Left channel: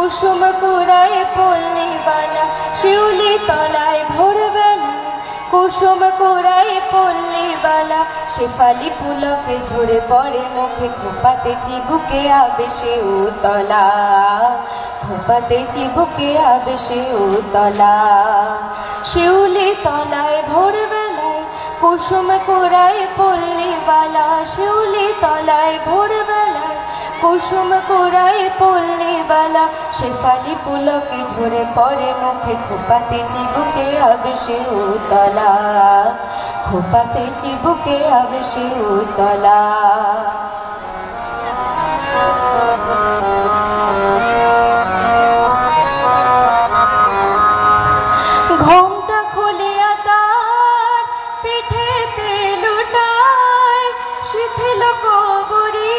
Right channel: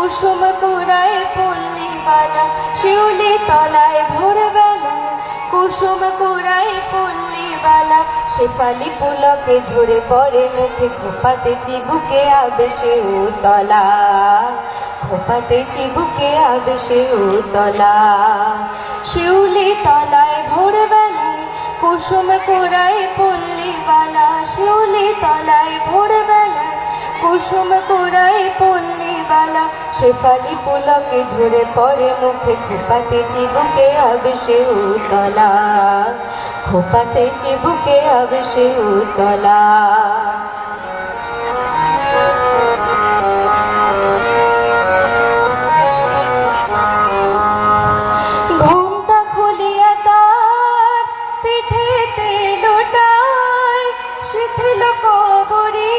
কুসুম কুড়ায় পল্লীবালা শিউলি তলায় ভোরবেলা কুসুম কুড়ায় পল্লীবালা শেফালি পুলকে ঝরে পড়ে মুখে খোপাতে চিবুকে আবেশে উতলা খোপাতে চিবুকে আবেশে উতলা শিউলি তলায় ভোরবেলায় কুসুম কুড়ায় পল্লীবালা শিউলি তলায় ভোরবেলায় কুসুম কুড়ায় পল্লীবালা শেফালি পুলকে ঝরে পড়ে মুখে খোপাতে চিবুকে আবেশে উতলা খোপাতে চিবুকে আবেশে উতলা ঘোমটা খুলিয়া তার পিঠেতে লুটায় শিথিল কবরে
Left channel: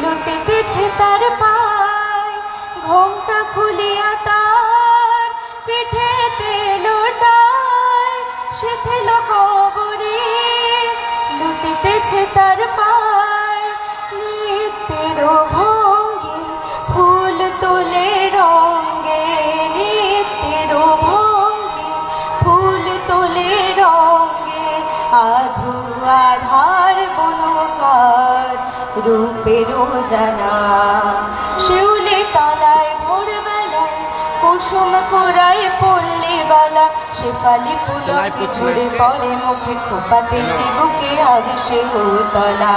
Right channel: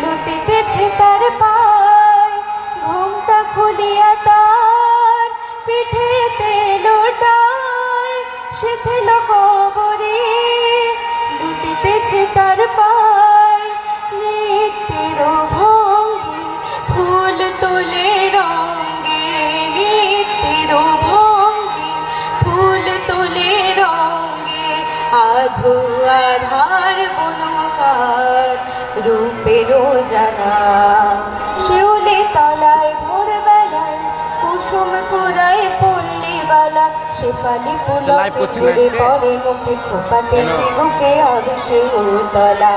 লুটিতেছে তার পায় ঘোমটা খুলিয়া তার পিঠেতে লুটায় শিথিল কবরে লুটিতেছে তার পায় নৃত্যের ভঙ্গি ফুল তোলে রঙ্গে নৃত্যের ভঙ্গি ফুল তোলে রঙ্গে আধো আধার বনহার রূপেরও জানা শিউলি তলায় ভোরবেলায় কুসুম কুড়ায় পল্লীবালা শেফালি পুলকে ঝরে পড়ে মুখে খোপাতে চিবুকে আবেশে উতলা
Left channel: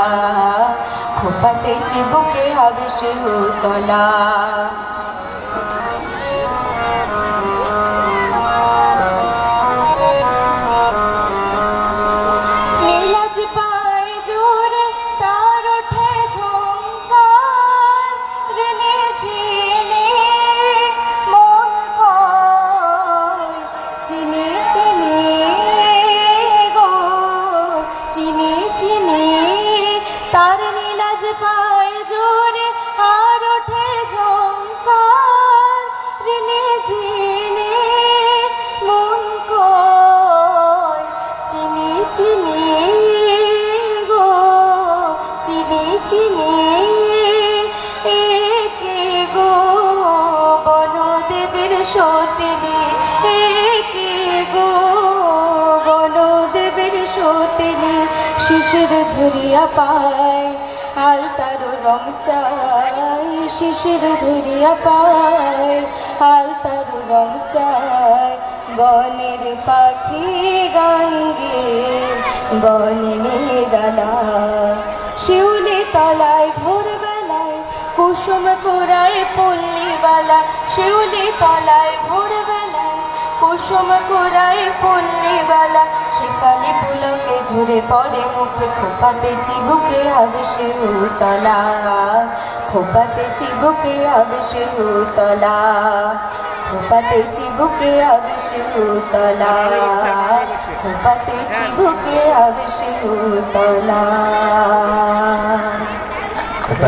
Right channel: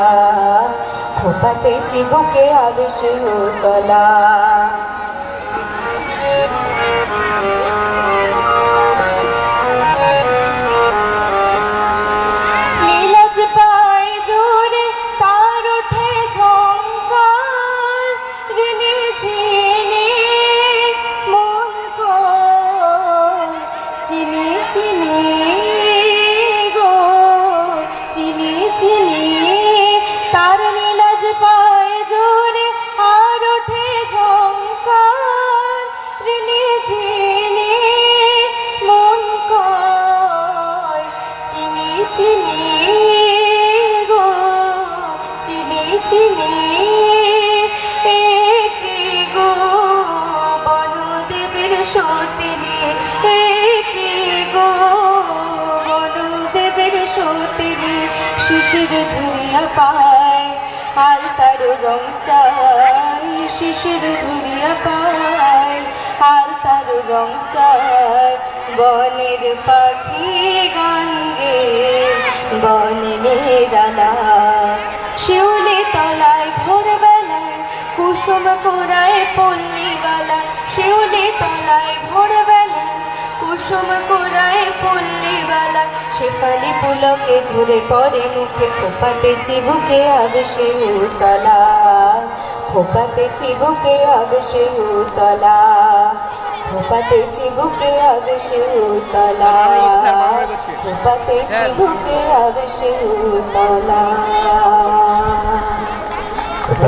খোপাতে চিবুকে আবেশে উতলা নীলাজ পায় জোরে তার ওঠে ঝংকার ঋণে চিনি মন কয় চিনি চিনি গো চিনি চিনি তার নীলাজ পায় জোরে আর ওঠে ঝংকার ঋণে চিনি মন কয় চিনি চিনি গো চিনি চিনি একে গো বনদেবের সতিনী একে গো বনদেবের সতিনী শিশির ধরিয়া পায় আর তার রং চাই শিশির ধরিয়া পায় আর তার রং চাই বনের পাখি গান গে বনে নিরালা শিউলি তলায় ভোরবেলায় কুসুম কুড়ায় পল্লীবালা শিউলি তলায় ভোরবেলায় কুসুম কুড়ায় পল্লীবালা শেফালি পুলকে ঝরে পড়ে মুখে খোপাতে চিবুকে আবেশে উতলা খোপাতে চিবুকে আবেশে উতলা খোপাতে চিবুকে আবেশে উতলা খোপাতে চিবুকে আবেশে উতলা।